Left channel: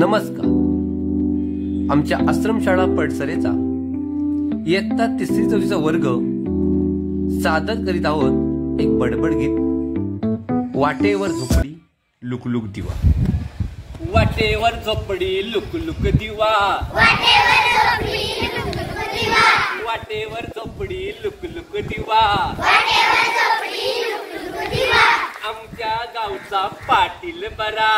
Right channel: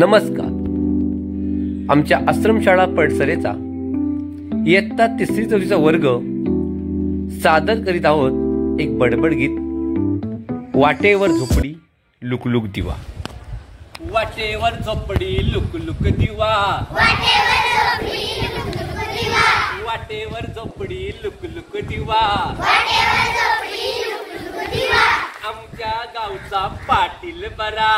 नमस्कार. आमच्या आश्रमशाळा पडसरेचा इयत्ता 3री-4रीचा वर्ग सादर करीत आहोत एक बडबड गीत. वाटेवर झोपडी लुकलुक दिवा. वाटेवर झोपडी लुकलुक दिवा. वाटेवर झोपडी लुकलुक दिवा. आमच्या गावचा पाटील बरा.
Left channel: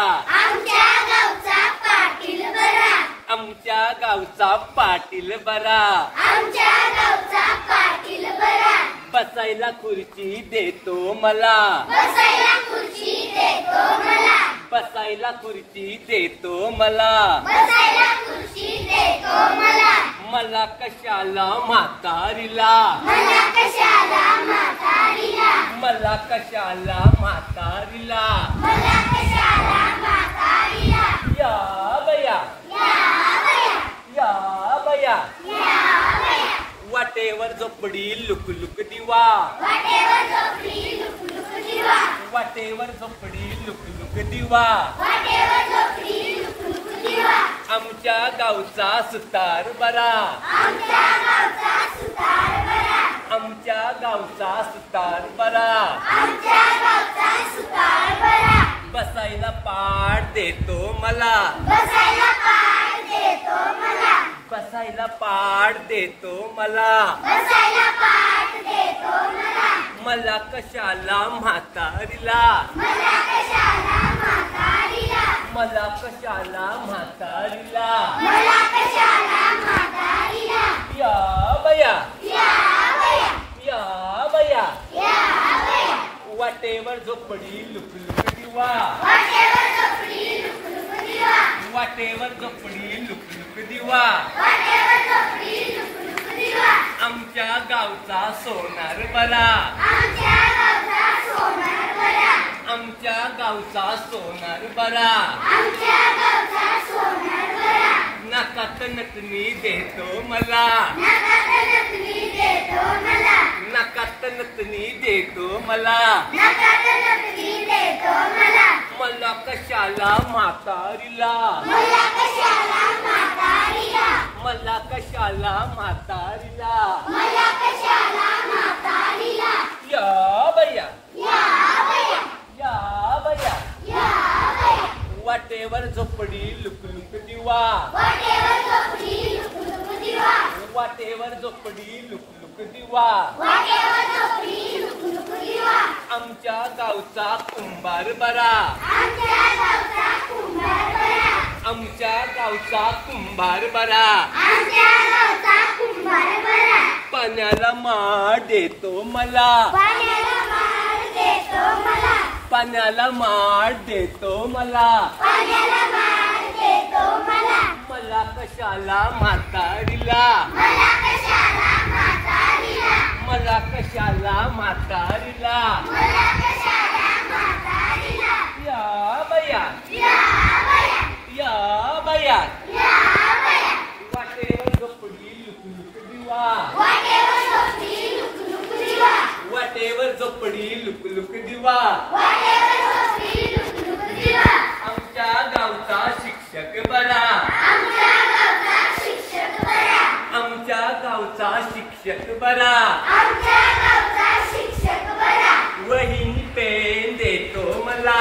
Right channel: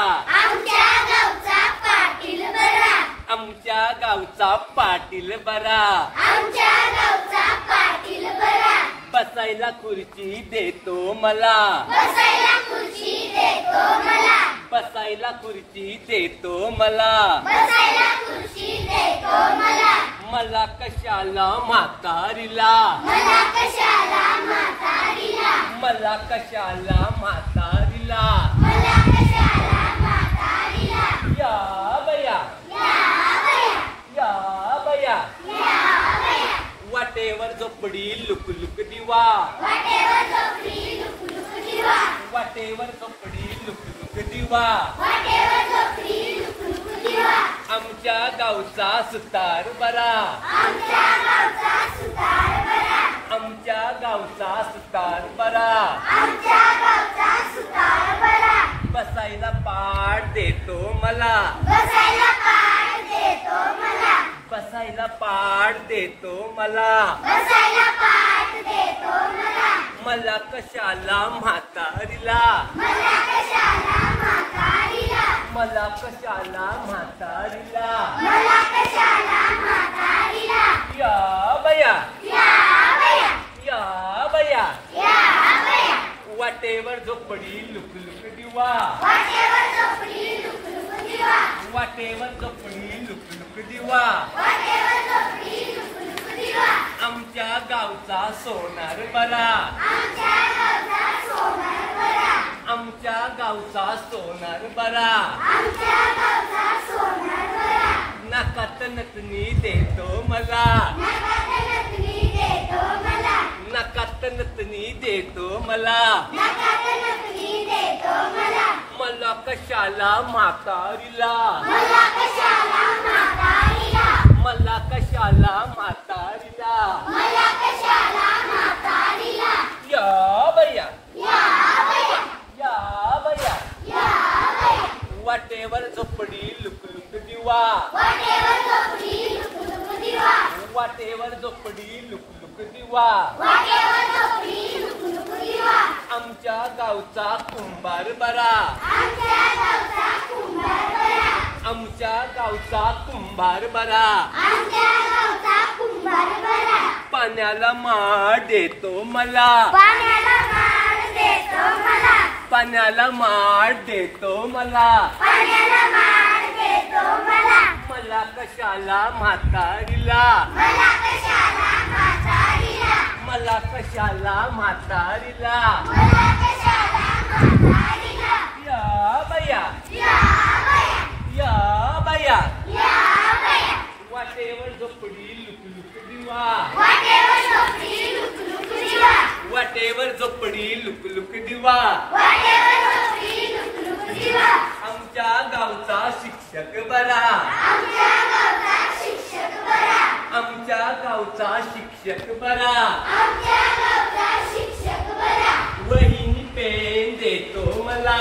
आमच्या गावचा पाटील बरा. बसायला खुर्ची देतो मला. बसायला खुर्ची देतो मला. मला कशाला म्हातारीला. मला कशाला म्हातारीला. या बया या बया. वाटेवर झोपडी लुकलुक दिवा. वाटेवर झोपडी लुकलुक दिवा. आमच्या गावचा सुतार बरा. आमच्या गावचा सुतार बरा. बसायला पाट देतो मला. बसायला पाट देतो मला. मला कशाला म्हातारीला. मला कशाला म्हातारीला. या बया या बया. वाटेवर झोपडी लुकलुक दिवा. वाटेवर झोपडी लुकलुक दिवा. आमच्या गावचा सोनार बरा. आमच्या गावचा सोनार बरा. नाकात नथनी देतो मला. नाकात नथनी देतो मला. मला कशाला म्हातारीला. मला कशाला म्हातारीला. या बया या बया. वाटेवर झोपडी लुकलुक दिवा. वाटेवर झोपडी लुकलुक दिवा. आमच्या गावचा कुंभार बरा. आमच्या गावचा कुंभार बरा. पाण्याला माठ देतो मला. पाण्याला माठ देतो मला. मला कशाला म्हातारीला. मला कशाला म्हातारीला. या बया या बया. वाटेवर झोपडी लुकलुक दिवा. वाटेवर झोपडी लुकलुक दिवा. आमच्या गावचा शिक्षक बरा. आमच्या गावचा शिक्षक बरा. वहीनी पेन देतो मला.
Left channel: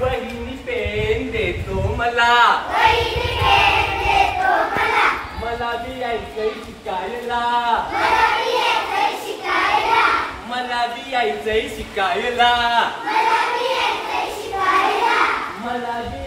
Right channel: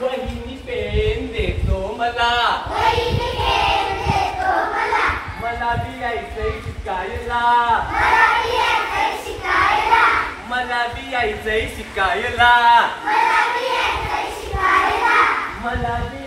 वहीनी पेन देतो मला. मला बी यायचंय शिकायला. मला बी यायचंय शिकायला. मला बी